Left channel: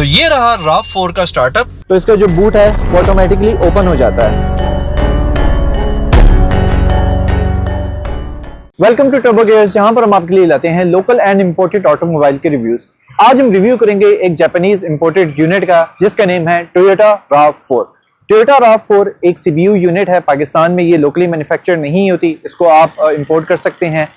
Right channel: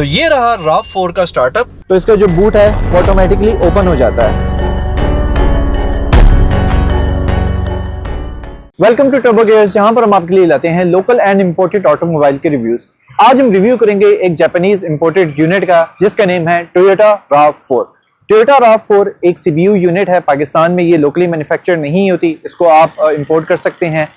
तो ये रहा RAV4 का स्टार्टअप। तो इसका जो बूट है वो ऑटोमेटिकली ओपन हो जाता है। वेलकम टू टर्बो गियर्स, जहां पर हम आपके लिए लाते हैं लोकल एंड इंपोर्टेड ऑटोमोबाइल के रिव्यूज। आज हम रिव्यू करेंगे एक जापानीज इंपोर्टेड यूनिट का, जिसका नेम है टोयोटा RAV4। टोयोटा RAV4 एक सीबीयू यूनिट है। पाकिस्तान में ये लोकली मैन्युफैक्चर नहीं होती, इसको आप इंपोर्ट कर सकते हैं।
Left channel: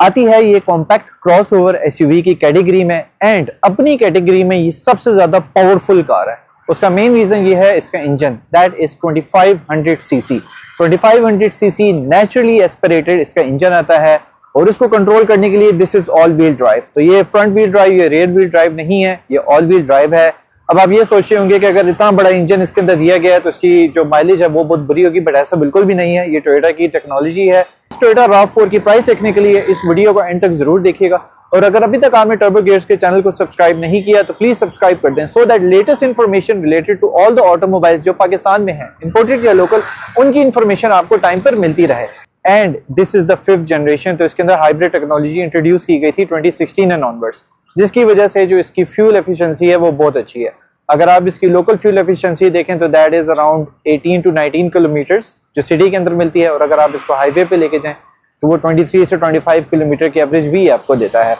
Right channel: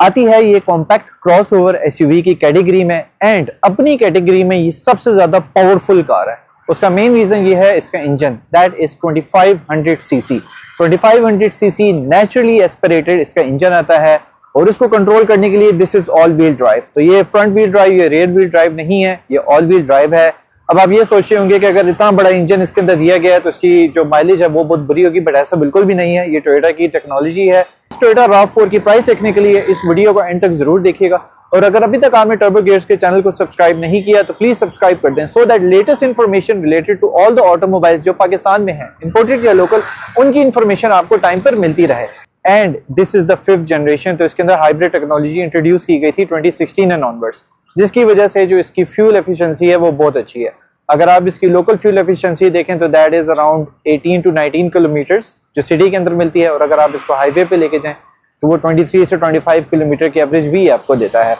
आती है ये कॉम्पैक्ट क्रॉसओवर एसयूवी की कैटेगरी में, एंड अपनी कैटेगरी में ये सबसे ज्यादा पावरफुल कार है। उसका मेन रीजन ये है इसका engine, that is 2500 CC. 2500 CC naturally aspirated इसका इंजन आता है, और इसको कंट्रोल करने के लिए this is all wheel drive. तो ये फ्रंट व्हील ड्राइव, ये रेयर व्हील ड्राइव नहीं है, ये ऑल व्हील ड्राइव है। अब आप ये सोचते होंगे कि अगर इतना बड़ा इंजन इसके अंदर दिया गया है तो इसकी जो माइलेज है वो बहुत बुरी होगी, बट ऐसा बिल्कुल भी नहीं है। ये टोयोटा की टेक्नोलॉजी है। टोयोटा RAV4 की प्राइस देखने के लिए इस वीडियो को एंड तक जरूर देखिएगा, और अगर अभी तक आपने टर्बो गियर्स के चैनल को सब्सक्राइब नहीं किया तो प्लीज सब्सक्राइब कर दें, so that latest information related to all the automobiles जो पाकिस्तान में है, इंपोर्टेड या लोकल, उनकी इन्फॉर्मेशन आपको टाइम पर मिलती रहे। And this is the 5th generation. तो इसके अंदर हाइब्रिड टेक्नोलॉजी इंट्रोड्यूस की गई थी 2016 एंड ऑनवर्ड्स, जिसकी वजह से जो इसकी फ्यूल एफिशिएंसी है वो बहुत अच्छी है। अगर आप इसकी लोकल फ्यूल एफिशिएंसी देखें तो that is around 18 to 19 kilometres जो सिटी के अंदर मिलती है, और अगर आप इसको हाईवे पे लेके जाएं तो वो 23 से 25 किलोमीटर की एवरेज भी आपको देता है।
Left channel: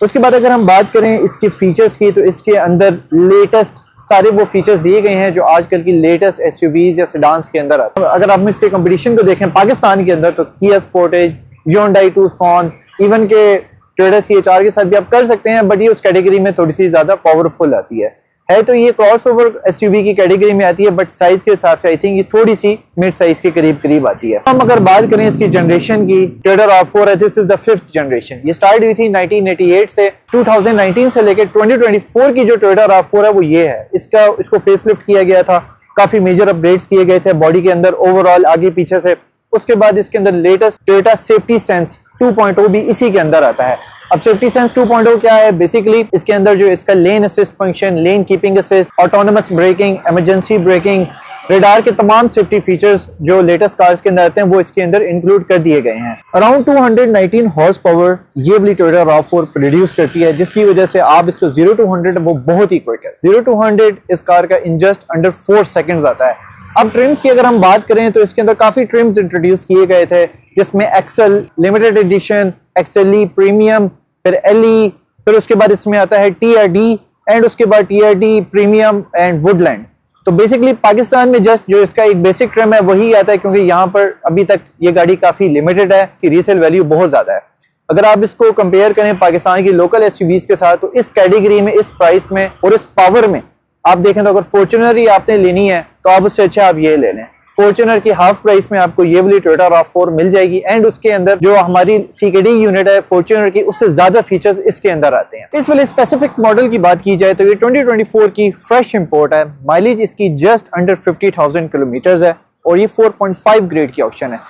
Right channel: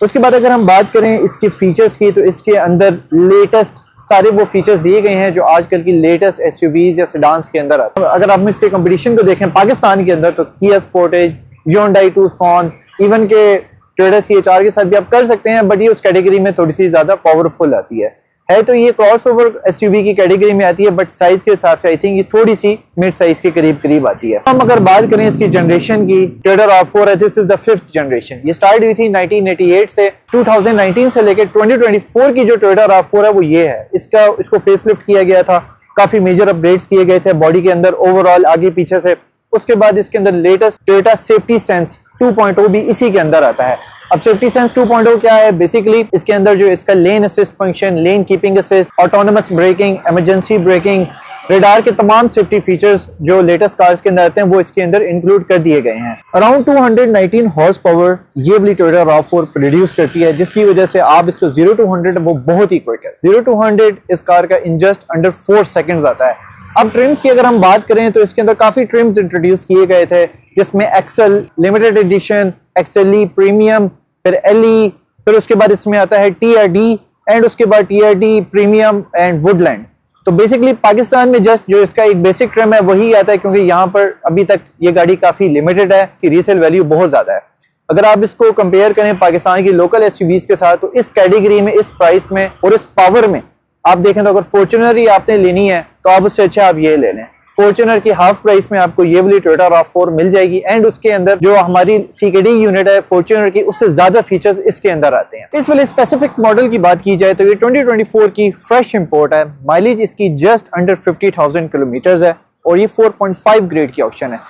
उसके बाद अगर हम बात करें इसके फीचर्स की, तो इसके अंदर लेटेस्ट सारे वो फीचर्स दिए गए हैं जो आजकल की लेटेस्ट एसयूवीज या सेडान्स के अंदर आते हैं। अगर आप इसके कंपटीशन को देखें पाकिस्तान के अंदर, तो किया स्पोर्टेज, Hyundai Tucson, इवन के टोयोटा CHR के साथ भी आप कर सकते हैं, बट ये उस कैटेगरी में थोड़ी सी ज्यादा पावरफुल आती है। तो ये क्रॉसओवर एसयूवी की कैटेगरी में आती है, बट साइज के हिसाब से आई थिंक ये थोड़ी सी मिड साइज के करीब आती है। हम अगर बात करें इसकी जनरेशन की, टोयोटा RAV4 है, this is the 5th generation. ये स्टार्ट हुई थी 1988 से। 2019 से लेकर 2024 की जो टोयोटा RAV4 है वो ये है। इसको फेसलिफ्ट किया गया था, काफी मेजर अपग्रेड्स किए गए थे बॉडी के अंदर, ओवरऑल आगे पीछे से। उसके बाद इसके अंदर लेटेस्ट टोयोटा सेफ्टी सेंस 2.0 भी इसी के अंदर आता है। अब सेफ्टी सेंस 2.0 क्या है? बेसिकली इसके अंदर जो इसका lane assist function, lane keeping assist, autonomous braking, emergency braking, radar के तमाम सेफ्टी फीचर्स जो लेटेस्ट कार्स के अंदर आते हैं वो इसके अंदर इंक्लूड कर दिए गए हैं। अराउंड 219 हॉर्स पावर ये वाली टोयोटा RAV4 प्रोड्यूस करती है, जिसकी वजह से आप इसको 0 to 100 वो बहुत ही क्विक है। 0 to 100 इस कार का इन जस्ट अंडर 4 सेकेंड्स आता है। अब ट्रिम्स की अगर हम बात करें तो इसके अंदर काफी ट्रिम्स इंट्रोड्यूस किए गए थे, जिसमें Excel limited edition, Excel premium, फिर एलई, फिर उसके बाद इसमें आता है TRD, एंड उसके बाद TRD प्रीमियम एंड वुडलैंड। तो बेसिकली पाकिस्तान में जस्ट जो इसका एक बेसिक ट्रिम है वही आता है, क्योंकि यहाँ पर अभी तक ये गाड़ी काफी लिमिटेड है कि रीसेल वैल्यू बहुत ज्यादा है। अगर आप इसको कंपेयर करें पाकिस्तान की लोकल एसयूवीज के साथ, तो इस कैटेगरी में, इस प्राइस में और इस पावर में आप देखें तो अगर फॉर्च्यूनर ही आपने लेनी है तो आप उससे अच्छा आप ये ले लें। फॉर्च्यूनर की हाफ प्राइस में आपको ये वाली टोयोटा RAV4 मिल जाएगी, एंड उसके अंदर जो हमारी CKD यूनिट है फॉर्च्यूनर की, उससे ज्यादा फीचर्स इसके अंदर आते हैं। इस वाले स्पेसिफिक मॉडल की बात की जाए तो ये 2024 की फ्रेश इंपोर्ट है। माइलेज इसकी जस्ट अंडर 50,000 किलोमीटर है, और ये 4.5 ग्रेड की ऑप्शन है।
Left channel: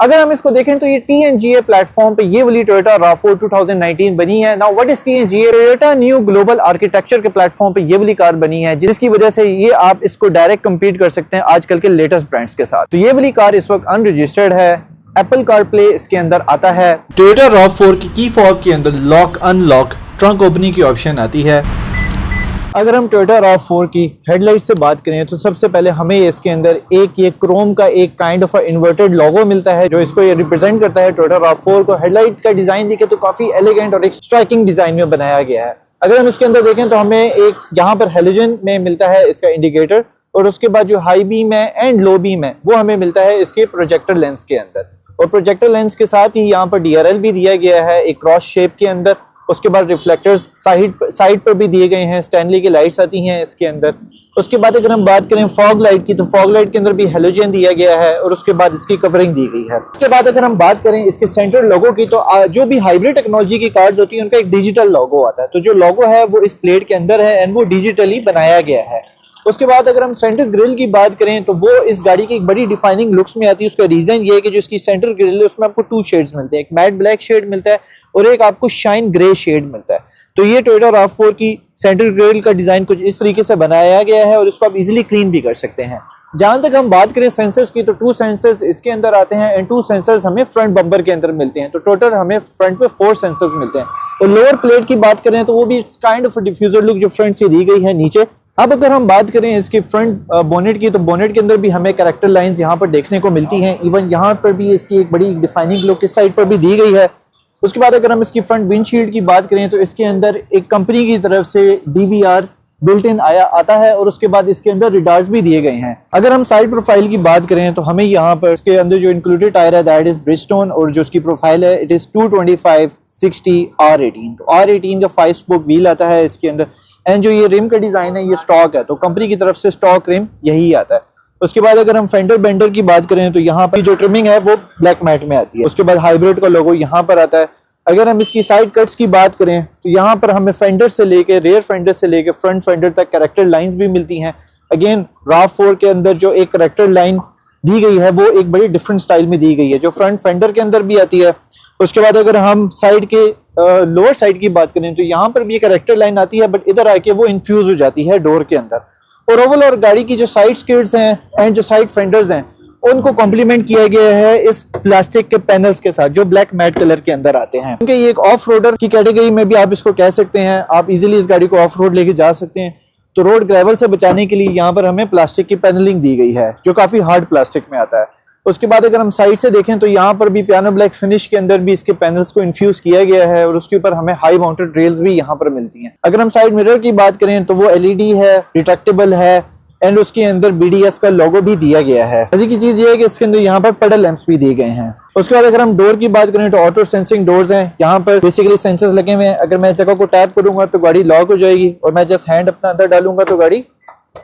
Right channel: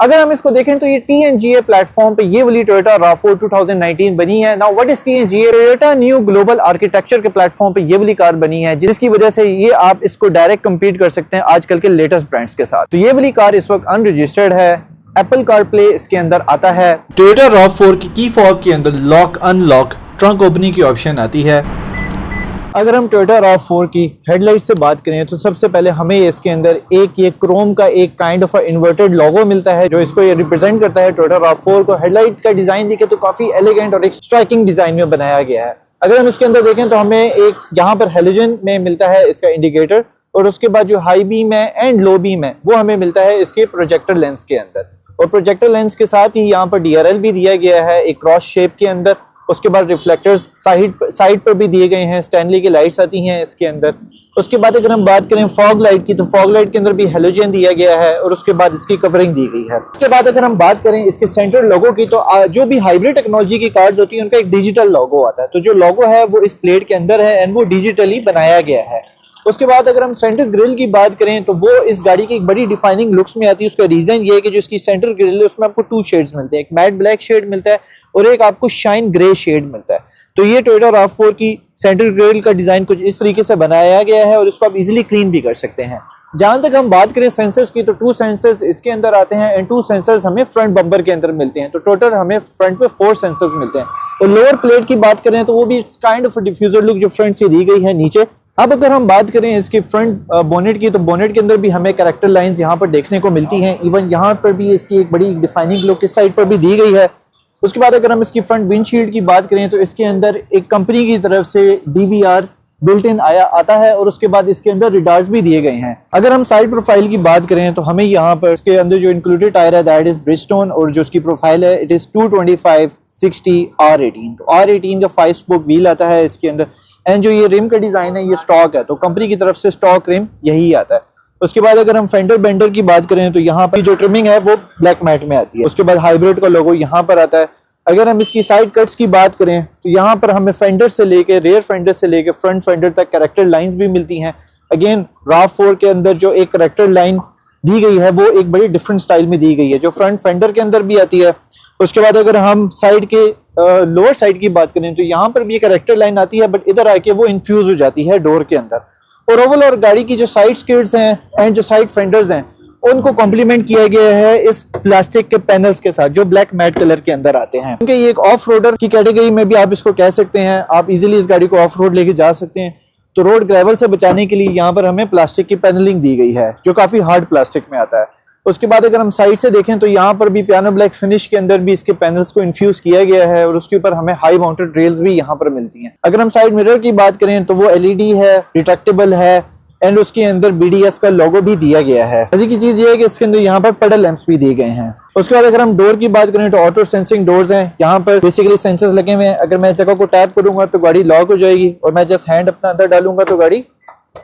अगर हम इसको देखें तो ये TNGA प्लेटफॉर्म पे ये वाली टोयोटा RAV4 2019 बनी है। Now what is TNGA? Toyota new global architecture के प्लेटफॉर्म पे ये वाली कार बनी है, जिसकी वजह से ये आप इसको डायरेक्ट कम्पीट कर सकते हैं आजकल के लेटेस्ट ब्रांड्स के साथ। तो ये वाली कार इस वक्त अनरजिस्टर्ड है। एप्पल CarPlay इसके अंदर आता है। टोयोटा RAV4 की की फॉब के अंदर लॉक अनलॉक ट्रंक ओपनिंग की ऑप्शन आती है। अगर हम टोयोटा RAV4 की हेडलाइट से बात करें तो सबसे पहले हमें इसके अंदर एक ये क्रोम का एक काइंड ऑफ इन्वर्टेड लोगो मिलता है, जो इसको ये रिप्रेजेंट करता है टोयोटा RAV4 को। हेडलाइट का डिजाइन देखें तो काफी एलिगेंट और एक स्ट्राइकिंग डिजाइन में बनाया गया है। अगर हम इसके अंदर देखें तो हमें एक यहाँ पर हेलोजन में मिलता है इसका इंडिकेटर, और उसके बाद जो हाई बीम है एंड लो बीम है वो हमें मिलता है इसके प्रोजेक्टर लेंस के अंदर, और प्रोजेक्टर लेंस के साथ ही यहाँ पर DRL भी दिया गया है एक क्रॉस शेप के अंदर। उसके बाद रिफ्लेक्टर्स साइड पर भी दिए गए हैं, स्टैनली की लाइट्स आती हैं इसके अंदर। उसके बाद अगर हम बात करें फॉग लाइट की, तो फॉग लाइट के अंदर भी हेलोजन दिया गया है, और उसके बाद इसकी कवरिंग दी गई है। उसके बाद अगर हम बात करें इसके सेंटर लोगो की, तो जो भी हाइब्रिड टेक्नोलॉजी की कार्स होती है उनका एक डिजिटल लोगो आता है। तो जो लोगो है वो इस प्लेट के अंदर है, एंड वो डिजिटली बनाया गया है। उसके बाद अगर हम सेंटर ग्रिल की बात करें तो वो इस गाड़ी की एक बड़ी डिफाइनिंग लुक्स में आती है। उसका रीजन ये है कि जो इसकी सेंटर ग्रिल है उसमें आपको 2 शेड्स मिलते हैं, एक मैट ब्लैक शेड मिलता है और एक आपको शाइन ग्रे शेड मिलता है। तो ये टोयोटा RAV4 की सेंटर ग्रिल का डिजाइन कुछ इस तरीके से बनाया गया है, और इसको आप इजीली क्लीन भी कर सकते हैं। जहां तक हम बात करें सेंसर्स की, तो 2 सेंसर्स इसके अंदर आते हैं एंड 2 सेंसर्स हमें फ्रंट बम्पर के अंदर मिलते हैं। तो टोटल हमें फ्रंट पे 4 सेंसर्स मिलते हैं। तो लोअर प्लेट की बात करें तो वो भी काइंड ऑफ डिफ्यूजर लुक जो फ्रंट से दी गई है नीचे। अब अगर हम बात करें इसकी फ्रंट बोनेट की, तो बोनेट के अंदर भी हमें कैरेक्टर लाइंस यहाँ पर देखने को मिलती हैं। इवन यहाँ पर भी इसकी एक बड़ी डिफाइनिंग लुक इस साइड पर भी दी गई है। उसके बाद अगर हम इसकी फ्रंट विंडशील्ड की बात करें तो इसके अंदर एक कंपनी की तरफ से DVR बिल्ट इन आता है और उसके बाद इसके अंदर रिडार्स भी दिए गए हैं। अगर हम साइड प्रोफाइल की बात करें तो हमें यहाँ पर इसके अंदर जो इंक्लूडेड टायर है दैट इज ब्रिजस्टोन, और जो इसकी प्रोफाइल है इट इज 225/60 R18। तो R18 का 5 स्पोक व्हील आता है इसके अंदर एंड जो ये रिम का डिजाइन है ये स्टॉक है, तो कंपनी की तरफ से स्टॉक रिम यही आता है। उसके बाद अगर हम फेंडर बेंडर की बात करें तो यहाँ पर जो ट्रिमिंग है वो ब्लैक मैट में आती है। उसके बाद हाइब्रिड का लोगो यहाँ पर आता है। अगर हम इसकी साइड कट्स की बात करें तो यहाँ पर हमें फेंडर से लेके रेयर फेंडर से लेके फ्रंट फेंडर तक कैरेक्टर लाइंस भी मिलती हैं। अगेन RAV4 के अंदर जो एक कैरेक्टर लाइन दी गई है वो एक बड़ी डिफरेंट स्टाइल में दी गई है जो फ्रंट फेंडर के अंदर भी आती है। उसके बाद अगर हम साइड के लोअर साइड की बात करें तो यहाँ पर भी एक कैरेक्टर लाइन आती है, बट इधर आके वो इन्फ्यूज हो जाती है डोर के अंदर। और ओवरऑल और गाड़ी की जो साइड स्किड्स हैं एंड जो साइड फेंडर्स हैं उनको कॉम्प्लीमेंट किया गया है इस प्लास्टिक के पैनल्स के साथ जो ब्लैक मैट कलर के अंदर आते हैं। क्योंकि ये एक ऑफ रोडर की कैटेगरी में भी आप इसको कह सकते हैं। आप इजीली इस गाड़ी को ऑफ रोड लेके जा सकते हैं। तो रोड ग्रेवल से बचाने के लिए यहाँ पर हमें प्लास्टिक की पैनलिंग दी गई है जो काफी हार्ड प्लास्टिक में आता है। उसके बाद अगर हम साइड से देखें तो यहाँ पर भी पियानो ब्लैक फिनिश के अंदर भी इसके पैनल्स को इन्फ्यूज किया गया है और उसके ऊपर हमें हाई माउंटेड रेल्स भी यहाँ पर मिलती हैं। अगर हम साइड मिरर की बात करें तो वो LED है, रिट्रैक्टेबल है एंड उसके अंदर BDS का लोगो भी दिया गया है। मजे की चीज ये है कि इसके अंदर यहाँ पर पेडल लैंप्स भी दिए गए हैं। उसके बाद अगर हम डोर की बात करें तो ऑटो सेंसिंग डोर्स हैं। यहाँ पर बेसिकली सेंसर्स लगे हुए हैं। अगर मैं इस जगह को टैप करूंगा तो गाड़ी लॉक हो जाएगी और मैं जस्ट हैंड अपना अंदर डालूंगा तो गाड़ी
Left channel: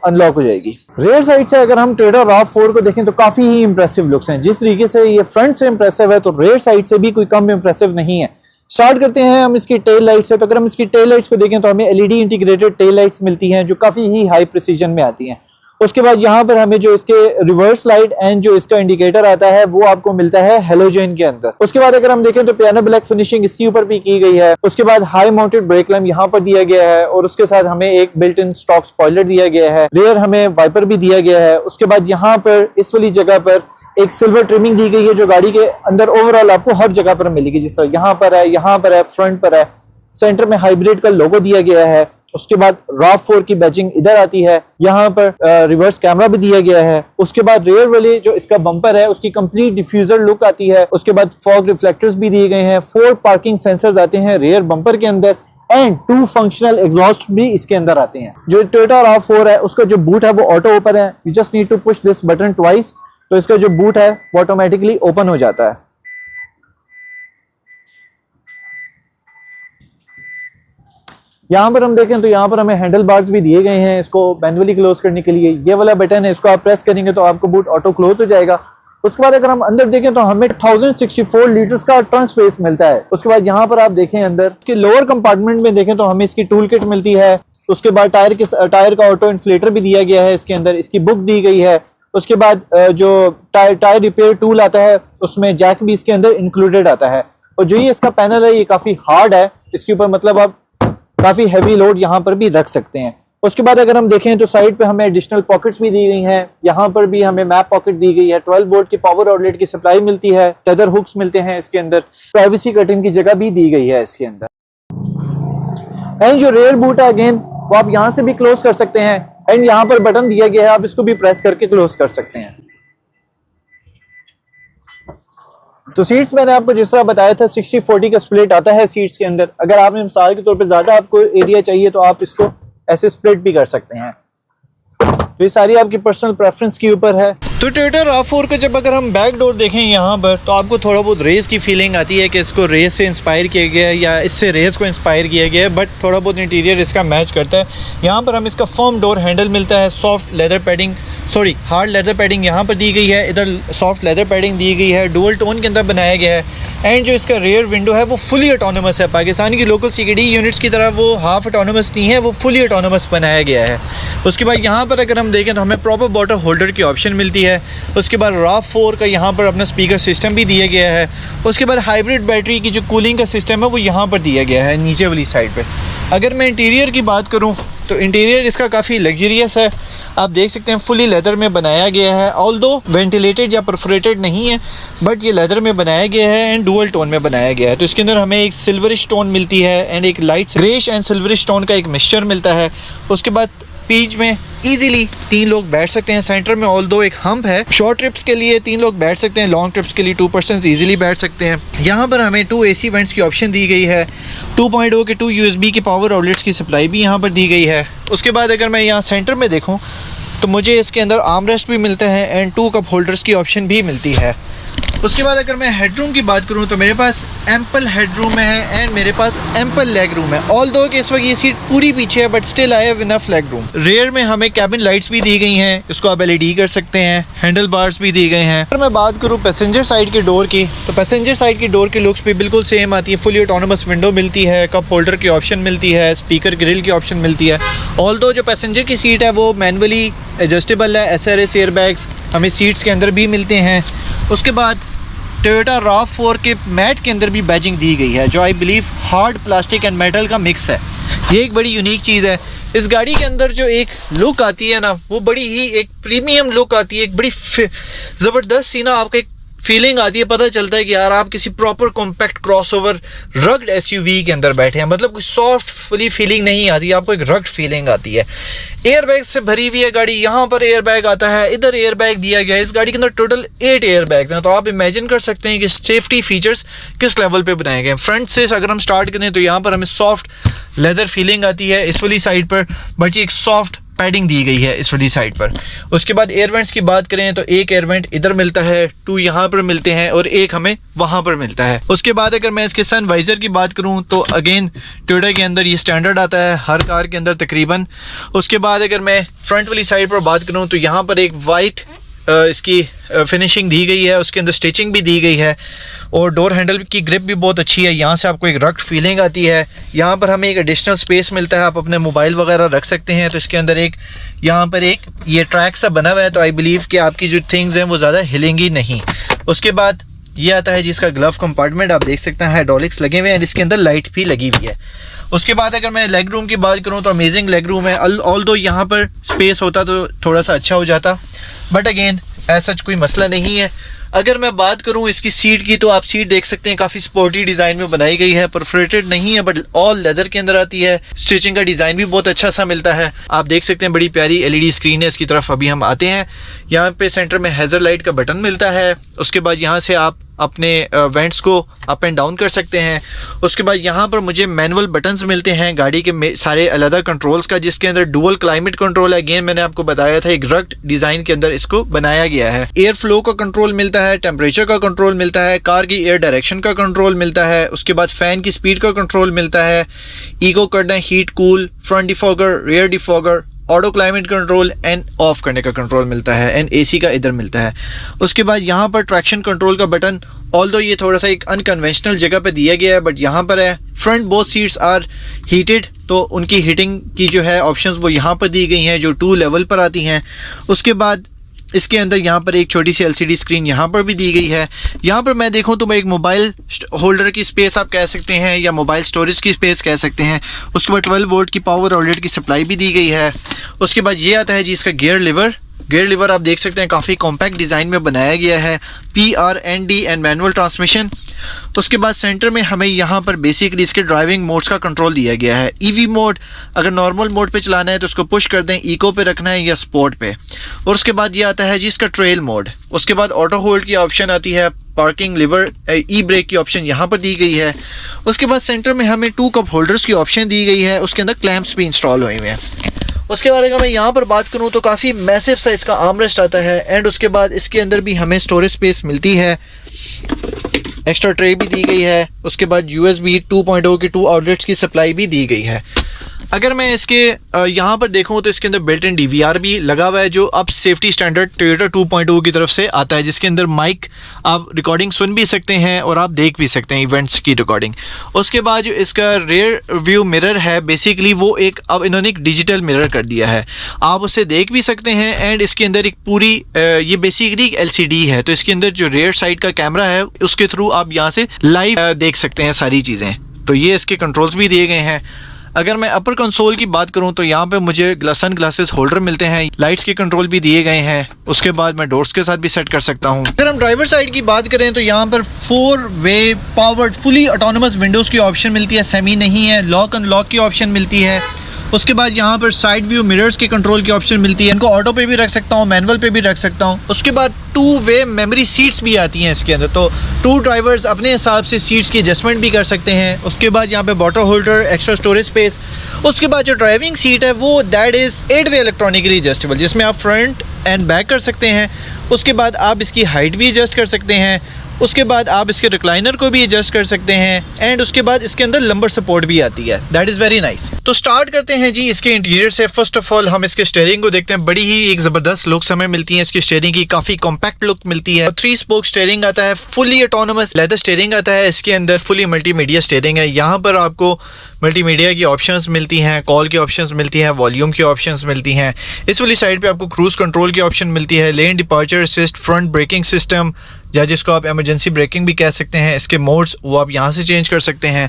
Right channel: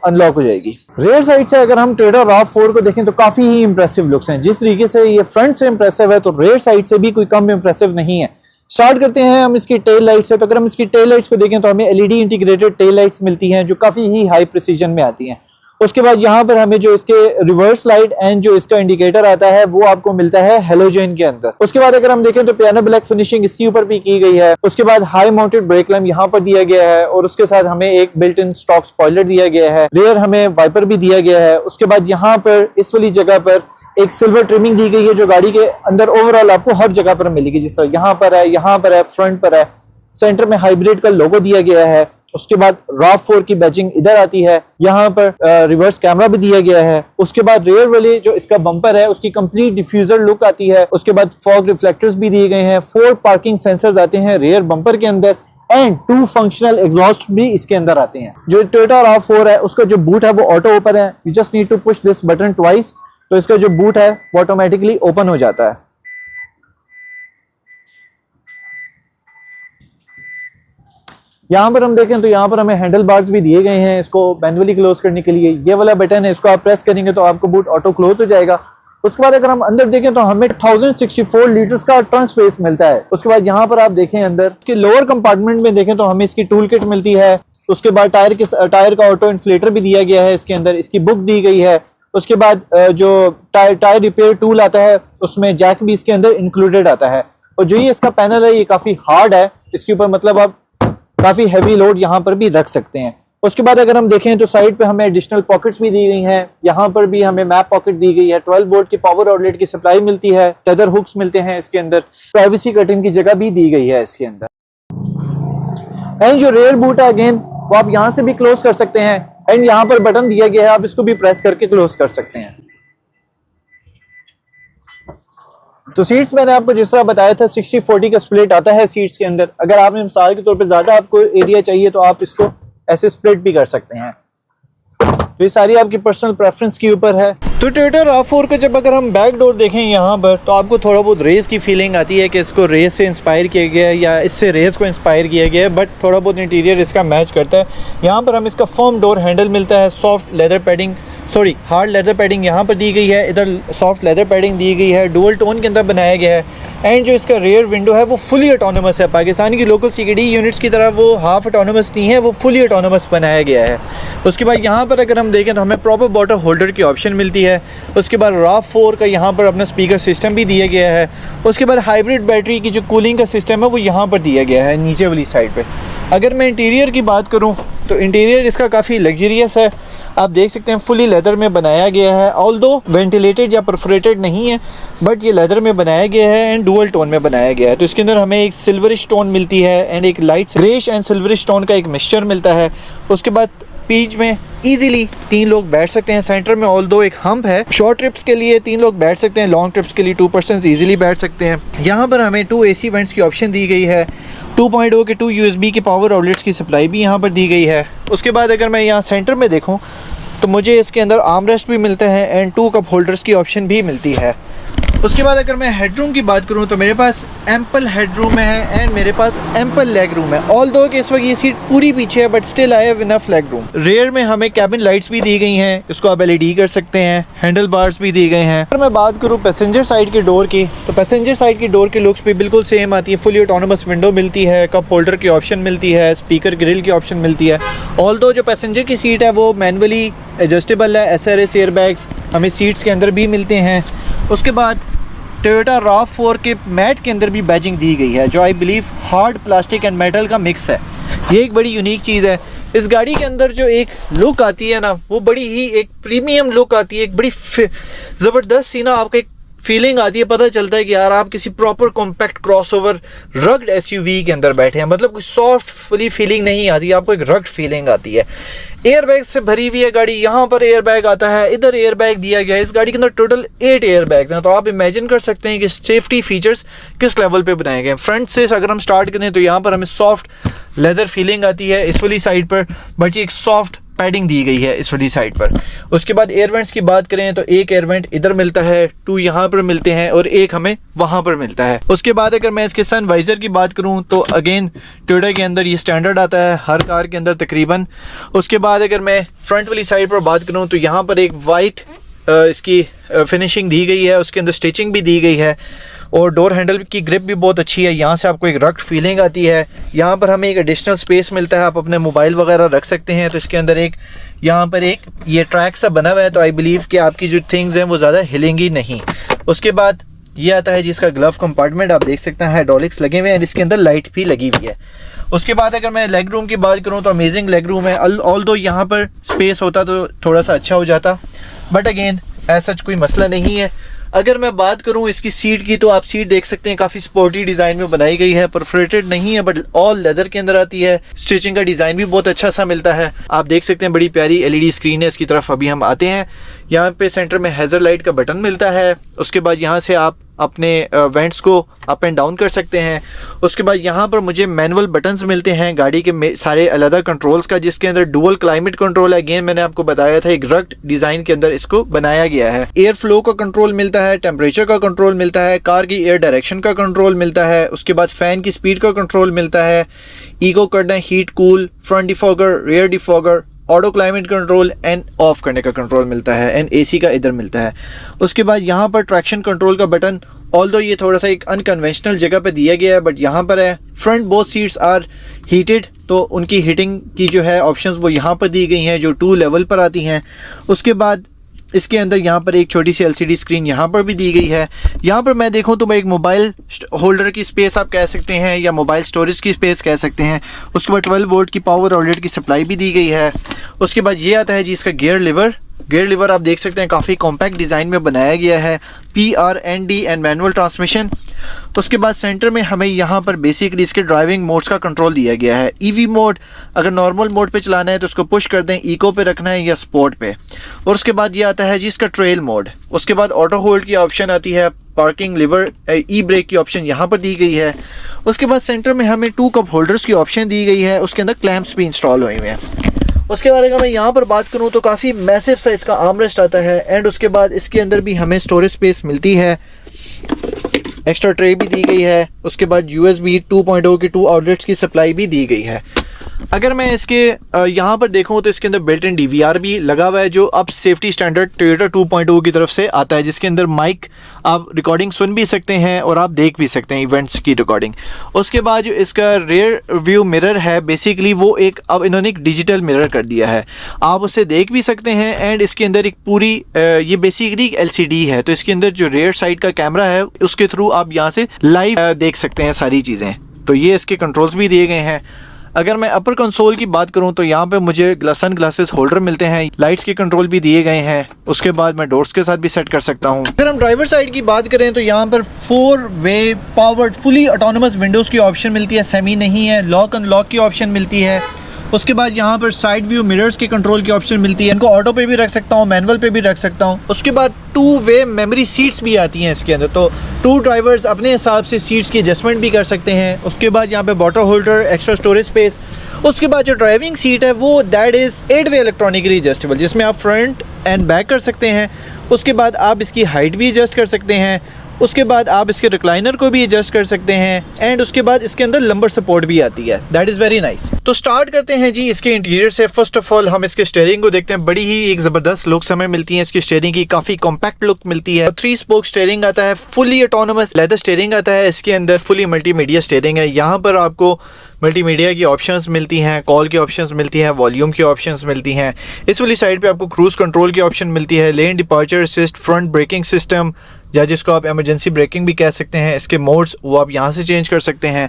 अनलॉक हो जाएगी। रेयर साइड से अगर हम टोयोटा RAV4 को देखें तो काफी ही इंप्रेसिव लुक्स हैं। जिस तरीके से ये फ्रंट से इंप्रेसिव है तो रेयर साइड से भी कोई कम इंप्रेसिव नहीं है। स्टार्ट करते हैं हम इसकी टेल लाइट से। तो अगर हम इसकी टेल लाइट्स को देखें तो हमें LED इंटीग्रेटेड टेल लाइट्स मिलती हैं जो काफी ही हाई प्रिसीजन में आती हैं। उसके बाद यहाँ पर हमें जो इसके रिवर्स लाइट एंड जो इसका इंडिकेटर आता है वो आपको मिलता है हेलोजन के अंदर। उसके बाद अगर हम देखें तो पियानो ब्लैक फिनिशिंग इसके ऊपर भी की गई है। उसके बाद हाई माउंटेड ब्रेक लैम्प यहाँ पर दिया गया है और उसके साथ हमें एक बिल्ट इन स्टॉक स्पॉइलर दिया गया है। रेयर हमें वाइपर भी दिया गया है। उसके बाद यहाँ पर इस वाली जगह पर एक सिल्वर ट्रिमिंग दी गई है जो गाड़ी के अंदर ओवरऑल आपको हर जगह पर मिलेगी। जिस तरह यहाँ पर है, फ्रंट पर है, सेंटर में हाइब्रिड का लोगो दिया गया है। उसके बाद RAV4 की बैजिंग इधर आती है। यहाँ पर रिवर्स कैमरा भी दिया गया है। उसके बाद रेयर वाले जो इसका बम्पर है उसकी कंप्लीट डिफ्यूजर लुक आती है। उसके बाद फॉग रिफ्लेक्टर्स भी दिए गए हैं। 4 पार्किंग सेंसर्स आते हैं रेयर बम्पर के अंदर एंड 2 फंक्शनल एग्जॉस्ट भी इसके अंदर आते हैं। जो टोयोटा RAV4 है उसका जो बूट है वो ऑटो ओपन है। You just need to push this button twice, तो इसका जो बूट है वो ऑटोमेटिकली ओपन हो जाता है। यहाँ पर हम देखें तो यहाँ पर हमें हैंडल बार्स भी दिए गए हैं इसको मैनुअली क्लोज करने के लिए। ये वाला बटन है, इसको आप प्रेस करेंगे तो आपको बूट ऑटो क्लोज हो जाएगा। उसके बाद अगर हम अंदर देखें तो हमें 1064 लीटर्स का ट्रंक स्पेस मिलता है। उसके बाद यहाँ पर आप देखें अंदर के लोअर कंपार्टमेंट में देखें तो हमें इसकी टूल किट मिलती है। उसके बाद टायर का ऑटो इन्फ्लेटर भी दिया गया है इसके अंदर, इसकी बुक दी गई है। उसके बाद जो टायर रिपेयर टूल आता है उसमें जैक भी इसके अंदर इंक्लूडेड आता है। और जो ये इसका पैनल है ये काफी हार्ड है, इसके ऊपर मतलब आप काफी हैवी लोड यहाँ पर भी रख सकते हैं। उसके बाद अगर हम देखें तो साइड पे हमें एडिशनल पॉकेट्स भी दी गई हैं। यहाँ पर भी हमें मैप पॉकेट दी गई है। 12 वोल्ट की पावर आउटलेट की सप्लाई मिलती है। टेदर हुक्स मिलते हैं इसके अंदर। प्राइवेसी कर्टन की जगह भी दी गई है इसके अंदर। एंड जो रेयर बूट है अगेन वो आप यहाँ से भी क्लोज कर सकते हैं एंड यहाँ पर बटन दिया गया है, आप इसको भी प्रेस करके क्लोज कर सकते हैं। तो सीट्स मैंने आपको जिस तरह बताया था 60-40 का स्प्लिट आता है सीट्स के अंदर। अगर आपने मिसाल के तौर पे ज्यादा आपको एरिया चाहिए तो आप इसको ऐसे स्प्लिट भी कर सकते हैं। तो ये सारी आपकी पर्सनल प्रेफरेंस के ऊपर है। तो टोयोटा RAV4 का जब अगर हम बैक डोर देखें यहाँ पर तो आपको थोड़ा बहुत रेस की फीलिंग आती है कि इसको रेस से इंस्पायर किया गया है या इससे रेस को इंस्पायर किया गया है, बट थोड़ा बहुत इंटीरियर इसका मैच करता है। यहाँ पर हम इसका फर्म डोर हैंडल मिलता है। Soft leather padding hard leather padding यहाँ पर दी गई है। इधर सॉफ्ट लेदर पैडिंग दी गई है, डुअल टोन के अंदर बनाया गया है। एंड जो इसका रेयर विंडो है वो फुली ऑटोनोमस है। पाकिस्तान की लोकल CKD यूनिट्स की तरह वो हाफ ऑटोनोमस नहीं है, वो फुली ऑटोनोमस बनाया गया है। उसके बाद यहाँ पर अगर हम देखें तो हमें प्रॉपर बॉटल होल्डर की ऑप्शन मिलती है। उसके बाद RAV4 का यहाँ पर अपना स्पीकर सिस्टम भी दिया गया है। उसके बाद हाइब्रिड बैटरी की जो कूलिंग का सिस्टम है वो यहाँ पर दिया गया है नीचे वाली साइड पे। अगर मैं इंटीरियर की बात करूँ तो इंटीरियर इसका काफ़ी लग्जरियस है। आप देख सकते हैं फुली लेदर में बनाया गया है, ऑल्दो वेंटिलेटेड या परफोरेटेड नहीं है, बट ये लेदर में बनाया गया है एंड डुअल टोन में बनाया गया है। तो इसके अंदर हमें एक सिल्वरिश टोन मिलती है एंड एक light greyish and silverish tone का एक मिक्सचर मिलता है। उसके बाद बीच में इजीली 3 लोग बैठ सकते हैं। सेंटर में ऑल्दो एक हम्प है, शॉर्ट ट्रिप्स के लिए 3 लोग बैठ सकते हैं, लॉन्ग ट्रिप्स के लिए 2 पर्सन इजीली बैठ सकते हैं। यहाँ पर हमें 2 AC वेंट्स की ऑप्शन दी गई है, 2.0 के 2 USB की पावर आउटलेट्स की सप्लाई भी यहाँ पर दी गई है। उसके बाद अगर मैं यहाँ सेंटर में देखूँ तो मुझे इसके अंदर आर्मरेस्ट भी मिलते हैं एंड 2 कप होल्डर्स की ऑप्शन भी मिलती है। उसके बाद अगर मैं हेडरूम की बात करूं तो मेरे पास एम्पल हेडरूम है एंड मेरे पास एम्पल लेग रूम है। ऑल्दो कि इस वक्त ये सीट पूरी पीछे है but still I have enough leg room. Rear में हमें कैबिन लाइट्स भी दी गई हैं, इसको आप LED कर सकते हैं, हैंडल बार्स भी दिए गए हैं। अगर मैं बात करूं पैसेंजर साइड की डोर की तो पैसेंजर साइड की डोर की लुक्स भी बिल्कुल सेम आती है। फुली ऑटोनोमस विंडो मिलती है, कप होल्डर की ऑप्शन मिलती है, स्पीकर ग्रिल की ऑप्शन मिलती है। ऑल्दो जो पैसेंजर की सीट है वो मैनुअली एडजस्टेबल है, SRS एयरबैग्स हमें सीट्स के अंदर भी मिलते हैं। उसके बाद टोयोटा RAV4 के मैट के अंदर भी बैजिंग दी गई है जो I believe hard plastic and metal का मिक्स है। ये एक बड़ी यूनिक चीज़ है। इस गाड़ी के अंदर जो एक लुक आती है ना वो बड़ी ही एक प्रीमियम लुक आती है, एक बड़ी ज़बरदस्त सी ना आपको एक फीलिंग आती है, पता चलता है कि यार आप किसी proper compact crossover rugged SUV के अंदर बैठे हैं। मतलब कोई सॉफ्ट फुली फीलिंग नहीं आती, आपको एक रग्ड फीलिंग आती है। एयरबैग से भरी हुई है गाड़ी, यहाँ पर एयरबैग आता है, इधर एयरबैग दिया गया है। इस गाड़ी के अंदर टोटल 8 एयरबैग्स हैं। तो आप इमेजिन कर सकते हैं कि सेफ्टी फीचर्स किस लेवल पे बनाए गए हैं। फ्रंट से अगर हम स्टार्ट करें तो यहाँ पर हमें सॉफ्ट लेदर फीलिंग आती है इस वाली साइड पर, बट ये एक सॉफ्ट पैडिंग दी गई है इस वाली साइड पर। उसके बाद एयर वेंट्स की बात करें तो एक एयर वेंट इधर मिलता है, 2 यहाँ पर मिलते हैं और एक हमें वहाँ पर मिलता है। उसके बाद अगर मैं इसके सन वाइजर की बात करूँ तो अगेन टोयोटा के अंदर ये स्टैंडर्ड आता है हर कार के अंदर तकरीबन। उसके बाद अगर मैं फ्रंट वाली साइड पर बात करूँ तो यहाँ पर एक वाइट इसकी फिनिशिंग दी गई है, उसके अंदर स्टिचिंग भी दी गई है और डोर हैंडल की ग्रिप भी बहुत अच्छी है। यहाँ से आपको एक रग्ड फीलिंग आती है। यहाँ पर हमें एक एडिशनल स्पेस मिलता है, आप अपने मोबाइल वगैरह रख सकते हैं। तो इसके अंदर एक यहाँ पर एक ये ट्रैक सा बना हुआ है, तो आई बिलीव कि आपकी जो थिंग्स हैं वो ज़्यादा हिलेंगी नहीं। उसके बाद ये आता है जिसका ग्लव कंपार्टमेंट, आप देख सकते हैं हाइड्रोलिक्स लगे हुए हैं, इसके अंदर लाइट भी लगी हुई है। उसके बाद अगर मैं लेग रूम की बात करूँ तो अमेजिंग लेग रूम है। ऑल्दो यहाँ पर स्पेस होता तो थोड़ा सा अच्छा हो जाता, बट अगेन ऐसा कोई मसला नहीं है। अगर मैं बात करूं इसकी सीट की तो आप सीट देख सकते हैं काफ़ी स्पोर्टी डिज़ाइन में बनाई गई है, परफोरेटेड नहीं है बट ऑल लेदर के अंदर आती है। स्टिचिंग का डिज़ाइन भी बहुत अच्छा सा मिलता है। आप देख सकते हैं बड़ी प्यारी LED स्क्रीन है। इसकी तरफ अभी हम आते हैं। यहाँ पे सेंटर में हैज़र लाइट का बटन मिलता है। उसके बाद यहाँ से आप अपने वेंट्स को अप एंड डाउन कर सकते हैं। उसके बाद यहाँ पर मुझे मैनुअल बटन्स मिलते हैं गाड़ी के सारे अलग कंट्रोल्स का, जिसके अंदर डुअल क्लाइमेट कंट्रोल है। अगेन मैंने आपको बताया था एक रग्ड डिज़ाइन के अंदर इसको बनाया गया है। एयर फ्लो का कंट्रोल मिलता है, टेम्परेचर का कंट्रोल मिलता है, कार की एयर डायरेक्शन का कंट्रोल मिलता है। उसके बाद फ़ैन की स्पीड का कंट्रोल मिलता है, ईको करना, heat cool, front defogger, rear defogger, auto climate control end of करने का कंट्रोल मिलता है एंड AC का इधर मिलता है। उसके बाद यहाँ पर ट्रैक्शन कंट्रोल का बटन, ऑल्दो ये थोड़ा सा एक अनकन्वेंशनल जगह पे दिया गया है बट यहाँ पर है। Front both seats are heated, तो उनकी हीटिंग की जो है ऑप्शंस वो यहाँ पर दी गई हैं जो 2 लेवल पर आती हैं। उसके बाद इसके अंदर यहाँ पर एक छोटी सी LCD स्क्रीन यहाँ पर भी दी गई है। यहाँ पर मैं देखूँ तो मैं एक मोबाइल होल्डर की स्पेस आप कह सकते हैं या मोबाइल स्टोरेज की स्पेस कह सकते हैं। उसके बाद 12 वोल्ट की पावर आउटलेट की सप्लाई भी दी गई है। उसके बाद ये आता है जी इसका गियर लिवर आप देख सकते हैं काफ़ी कॉम्पैक्ट डिज़ाइन में बनाया गया है, PRND एंड मैनुअल ट्रांसमिशन। उसके बाद सेंटर में हमें यहाँ पर बेसिकली इसके ड्राइविंग मोड्स का कंट्रोल दिया गया है। EV मोड, अगर नॉर्मल मोड पे चलाना है तो उसको पुश कर दें, इको पे रखना है या स्पोर्ट पे। और उसके बाद ये आता है जी इसका ट्रेल मोड। उसके बाद ऑटो होल्ड की ऑप्शन आती है, पार्किंग लिवर, ब्रेक की ऑप्शन यहाँ पर दी गई है। उसके बाद सेंटर में हमें 2 कप होल्डर्स की ऑप्शन दी गई है, उसके अंदर क्लैंप्स भी इंस्टॉल हुए हुए हैं। उसके बाद अगर मैं यहाँ पर बात करूँ तो काफ़ी मैसिव साइज़ का आर्मरेस्ट आता है एंड उसके बाद इसके अंदर भी हमें स्टोरेज स्पेस मिलती है, एक्स्ट्रा ट्रे भी दी गई है। उसके बाद USB 2.0 के 2 आउटलेट्स की सप्लाई भी दी गई है। अगर मैं इसके यहाँ पर देखूँ तो इसके अंदर बिल्ट इन DVR भी लगा हुआ है जो अब सेफ्टी स्टैंडर्ड टोयोटा 2.0 की तरफ से आता है, जिसके अंदर माइक आप रिकॉर्डिंग सुन भी सकते हैं और आप देख भी सकते हैं इवेंट्स की रिकॉर्डिंग। उसके बाद जो इसका रेयर व्यू मिरर है बेसिकली वो एक अब इन्होंने एक डिजिटल मिरर कर दिया है, आप उसे देख भी सकते हैं। एंड इसके अंदर एक पूरी ये बेसिकली LCD है, तो इसके अंदर जो रेयर साइड का कैमरा है उसके थ्रू आप यहाँ से लाइव देख सकते हैं सारी चीज़ें। तो ये इसके कंट्रोल्स भी दिए गए हैं। अगर मैं अपर कंसोल की बात करूं तो यहाँ पे मुझे सन ग्लासेस होल्डर मिलते हैं, लाइट्स के कंट्रोल भी दिए गए हैं। उसके बाद मैं डोर्स के साथ भी सेट कर सकता हूं। अगर हम ड्राइवर साइड की बात करें तो यहाँ पर 4-वे पावर्ड फुली ऑटोनोमस विंडोज़ की ऑप्शन मिलती है, सेमी नहीं है। लॉक अनलॉक की ऑप्शन मिलती है। उसके बाद यहाँ पर साइड व्यू मिरर्स के कंट्रोल की ऑप्शन मिलती है। इनको ऑटो पे भी रख सकता हूँ, मैनुअल पे भी रख सकता हूँ। उसके बाद 2-वे मेमोरी सीट्स भी आती हैं इसके अंदर, तो 2 ड्राइवर्स अपने हिसाब से सीट्स की एडजस्टमेंट भी कर सकते हैं। उसके बाद यहाँ पे bottle holder, extra storage space. उसके बाद जो ड्राइविंग सीट है वो दैट इज़ 8-वे इलेक्ट्रॉनिकली एडजस्टेबल, जिसमें आप फ्रंट एंड बैक कर सकते हैं। उसके बाद आप इसकी हाइट भी एडजस्ट कर सकते हैं। उसके बाद आप इसके रिक्लाइनर को भी एडजस्ट कर सकते हैं। एंड उसके बाद इसके अंदर लंबर सपोर्ट भी आती है, दैट इज़ वेरी नाइस। तो स्टार्ट करते हैं जी इसके इंटीरियर से। फर्स्ट ऑफ ऑल हम इसके स्टीयरिंग को देखते हैं। बड़ी ही एक ज़बरदस्त लुक्स हमें मिलती है इसकी स्टीयरिंग की, काफ़ी कॉम्पैक्ट लुक मिलती है। 3 स्पोक स्टीयरिंग आता है, फुली ऑटोनोमस लेदर स्टीयरिंग आता है इसके अंदर, फुली मल्टीमीडिया स्टीयरिंग है। यहाँ पर आपको मल्टीमीडिया की ऑप्शंस मिलती हैं, कॉल की ऑप्शंस मिलती हैं, वॉल्यूम की ऑप्शंस मिलती हैं। इस वाली साइड पे आपको क्रूज़ कंट्रोल की ऑप्शन मिलती है, lane departure assist, front braking system, या जिसको आप इमरजेंसी ब्रेकिंग भी कह सकते हैं। इसके मोड्स वो आप यहाँ से चेंज कर सकते हैं।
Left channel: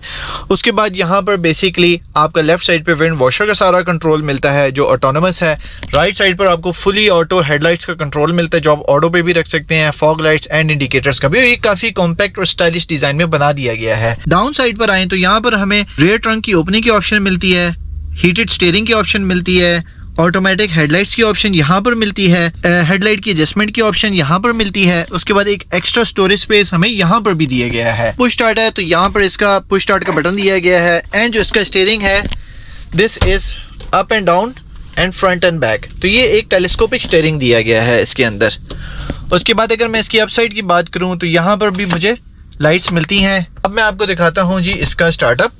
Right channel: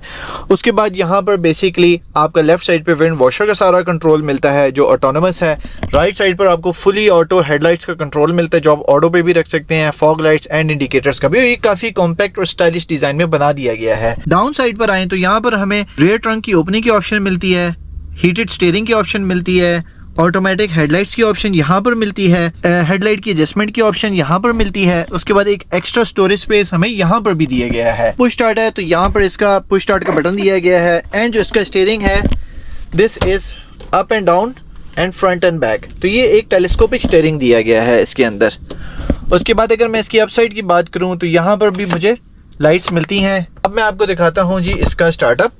उसके बाद यहाँ पर बेसिकली आपका लेफ्ट साइड पे विंड वॉशर का सारा कंट्रोल मिलता है जो ऑटोनोमस है। राइट साइड पर आपको फुली ऑटो हेडलाइट्स का कंट्रोल मिलता है जो आप ऑटो पे भी रख सकते हैं, फॉग लाइट्स एंड इंडिकेटर्स का भी। ये काफ़ी कॉम्पैक्ट और स्टाइलिश डिज़ाइन में बना दिया गया है। डाउन साइड पर आएँ तो यहाँ पर हमें रियर ट्रंक की ओपनिंग की ऑप्शन मिलती है, हीटेड स्टीयरिंग की ऑप्शन मिलती है, ऑटोमेटिक हेडलाइट्स की ऑप्शन यहाँ पर मिलती है, हेडलाइट की एडजस्टमेंट की ऑप्शन यहाँ पर मिलती है। उसके बाद एक एक्स्ट्रा स्टोरेज स्पेस हमें यहाँ पर भी दिया गया है। पुश स्टार्ट है तो यहाँ पर इसका पुश स्टार्ट का बटन दिया गया है। एंड जो इसका स्टीयरिंग है this is up and down and front end back, तो ये एक टेलीस्कोपिक स्टीयरिंग दिया गया है इसके अंदर। उसके बाद अगर मैं इसकी अपसाइड की बात करूँ तो यहाँ पर भी मुझे लाइट्स मिलती हैं। अब मैं आपको दिखाता हूँ जी इसका स्टार्टअप।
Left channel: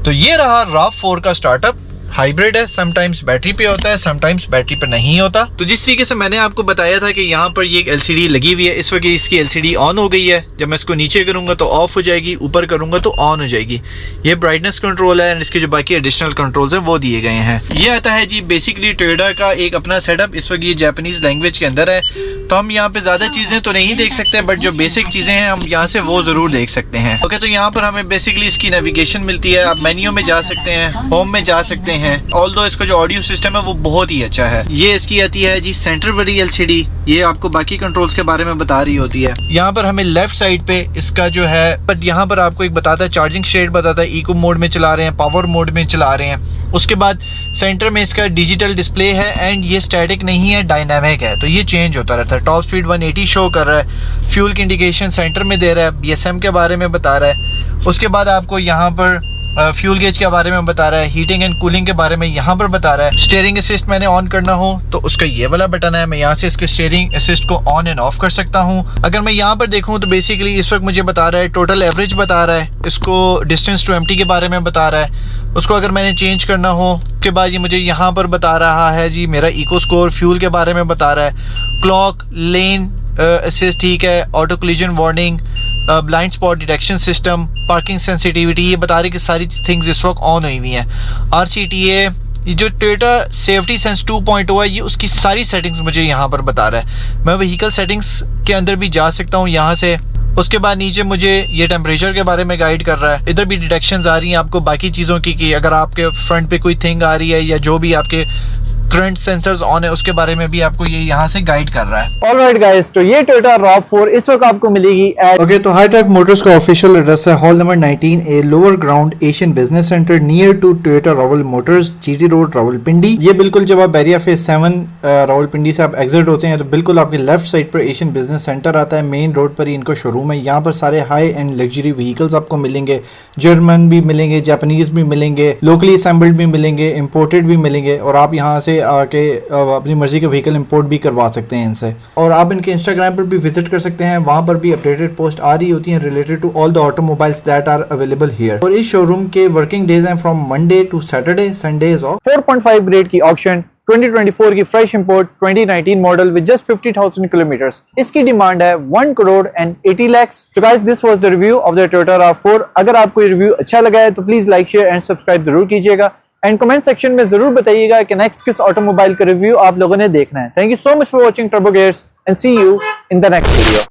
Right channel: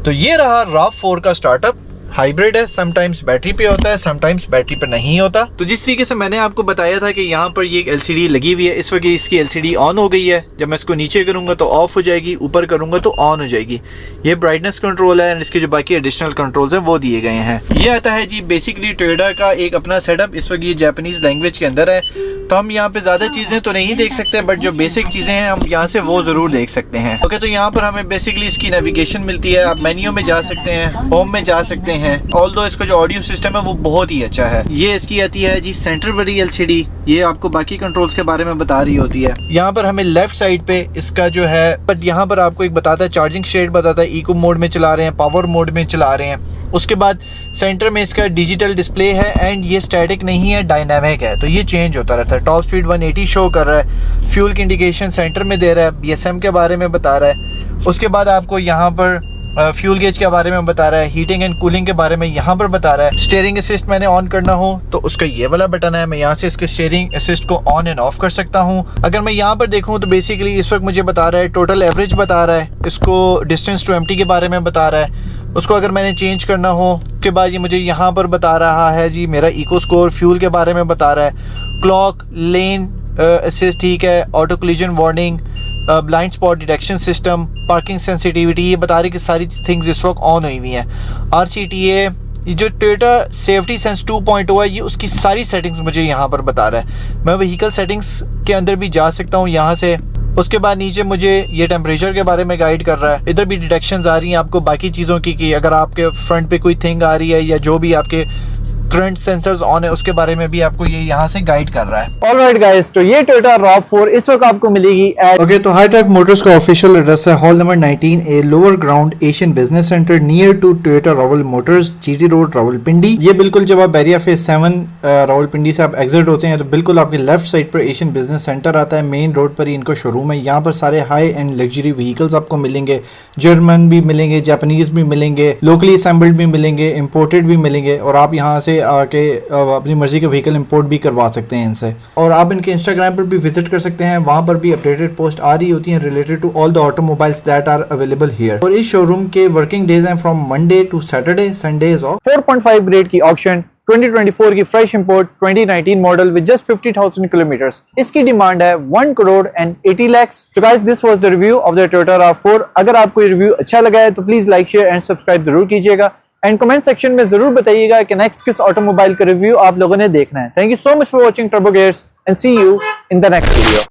तो ये रहा RAV4 का स्टार्टअप। हाइब्रिड है, समटाइम्स बैटरी पे होता है, समटाइम्स बैटरी पे नहीं होता। तो जिस तरीके से मैंने आपको बताया था कि यहाँ पर ये एक LCD लगी हुई है, इस वक्त इसकी LCD ऑन हो गई है। जब मैं इसको नीचे करूँगा तो ऑफ हो जाएगी, ऊपर करूँगा तो ऑन हो जाएगी। ये ब्राइटनेस कंट्रोल है एंड इसके जो बाकी एडिशनल कंट्रोल्स हैं वो दिए गए हैं। ये आता है जी बेसिकली टोयोटा का एक अपना सेटअप। इस वक्त ये जापानीज लैंग्वेज के अंदर है, तो हम यहाँ पे ज़्यादा चीज़ें तो नहीं देख सकते, बट जो बेसिक चीज़ें हैं हम यहाँ से वो ज़रूर देख सकते हैं। ओके, तो यहाँ पर हमें बेसिकली इसकी नेविगेशन मिलती है। आप मेन्यू में जा सकते हैं, होम में जा सकते हैं। ऑल्दो इसका जो ऑडियो सिस्टम है वो बहुत ही अच्छा है। ये इसकी आती है जी सेंटर वाली LCD, ये आपको बाकी कंट्रोल्स के बारे में बता रही होती है। यहाँ पर हमें लेफ्ट साइड पे इसका जो है, बट यहाँ पर आपको एक बताता है, चार्जिंग स्टेट बताता है, इको मोड में चला रहे हैं, पावर मोड में चला रहे हैं। उसके बाद सेंटर में इसका डिजिटल डिस्प्ले है एंड ये स्टैटिक नहीं है, डायनामिक है, तो ये चेंज होता रहता है। टॉप स्पीड 180 शो कर रहा है, फ्यूल की इंडिकेशन सेंटर में दे रहा है, BSM के बारे में बता रहा है। उसके बाद आपको यहाँ पर फ्यूल गेज के बारे में बता रहा है, हीटिंग एंड कूलिंग के बारे में यहाँ पर बता रहा है। स्टीयरिंग असिस्ट मैंने ऑन करना हो तो उसका ये वाला बटन है, मैं यहाँ से इसके स्टीयरिंग असिस्ट को ऑन एंड ऑफ कर सकता हूँ। अगर मैं यहाँ पर देखूँ तो बेसिकली इस वक्त मुझे बता रहा है टोटल एवरेज बता रहा है, इसको डिस्टेंस टू एम्प्टी के बारे में बता रहा है। उसको अगर मैंने चेंज करना हो के बाद ये मुझे यहाँ पर बता रहा है जी मेरा इको स्कोर, फ्यूल के बारे में बता रहा है, क्लॉक, लेन असिस्ट, ठीक है, auto collision warning, blind spot detection system, parking sensitivity, ये बता रही कि सारी थिंग्स इस वक्त ऑन हुई हुई हैं। RCTA, ये जो टोयोटा सेफ्टी सेंस 2.0 है, ये उसकी सारी सेटिंग्स मुझे यहाँ पर बता रहा है। मैं व्हीकल सेटिंग्स के अंदर भी जा सकता हूँ यहाँ से। उसके बाद नीचे मुझे ये टेम्परेचर के बारे में गाइड कर रहा है। इधर भी डिटेक्शंस आ रही हैं आपको बाकी चीज़ों की, कि अगर आपके फ्रंट पे कोई थिंग आ रही है या जो भी आपके करंट सेंसर्स ऑन है उसके बारे में भी आपको ये यहाँ से गाइड कर रहा है। ऑलराइट गाइस, तो ये टोयोटा RAV4 इस वक्त आपको मिलेगी एट ओके, तो हाई टाइप मोटर्स का ऑफिशियल एड्रेस है hall number 19A, lower ground Asian business centre, near to Toyota Rawal Motors, GT road Rawalpindi. ये बिल्कुल जब आप बैरिया फेज 7 रावलपिंडी से आप एग्जिट होते हैं तो बिल्कुल आपके लेफ्ट साइड पर एशियन बिजनेस सेंटर आता है। मेन रोड पर ही इनको शोरूम है। यहाँ पर सारे हाई एंड लग्जरी व्हीकल्स आपको मिलेंगे, जर्मन भी मिलेंगे, जापानीज भी मिलेंगे, लोकली असेंबल्ड भी मिलेंगे, इम्पोर्टेड भी मिलेंगे, और आप यहाँ से आके अपनी मर्जी के व्हीकल इंपोर्ट भी करवा सकते हैं इनसे। और आप इनके इंस्टाग्राम पर भी विजिट कर सकते हैं, वहां पर भी अपडेटेड पोस्ट आ रही होती हैं related to all the automobiles that are available here. और इस शोरूम के वर्किंग डेज हैं from Monday to Saturday, Sundays off. 4.5 grade की ऑक्शन 2024 की fresh import 2019 model with just 50,000 kilometres. इसकी डिमांड है 1 crore and 80 lakh. So guys, this was the review of the Toyota RAV4। अगर आपको ये रिव्यू अच्छा लगा है तो please like, share and subscribe जरूर कीजिएगा एंड कमेंट सेक्शन में जरूर बताइएगा कि नेक्स्ट किस ऑटोमोबाइल का रिव्यू आप लोगों ने देखना है। Thank you so much for watching Turbo Gears and see you in the next video.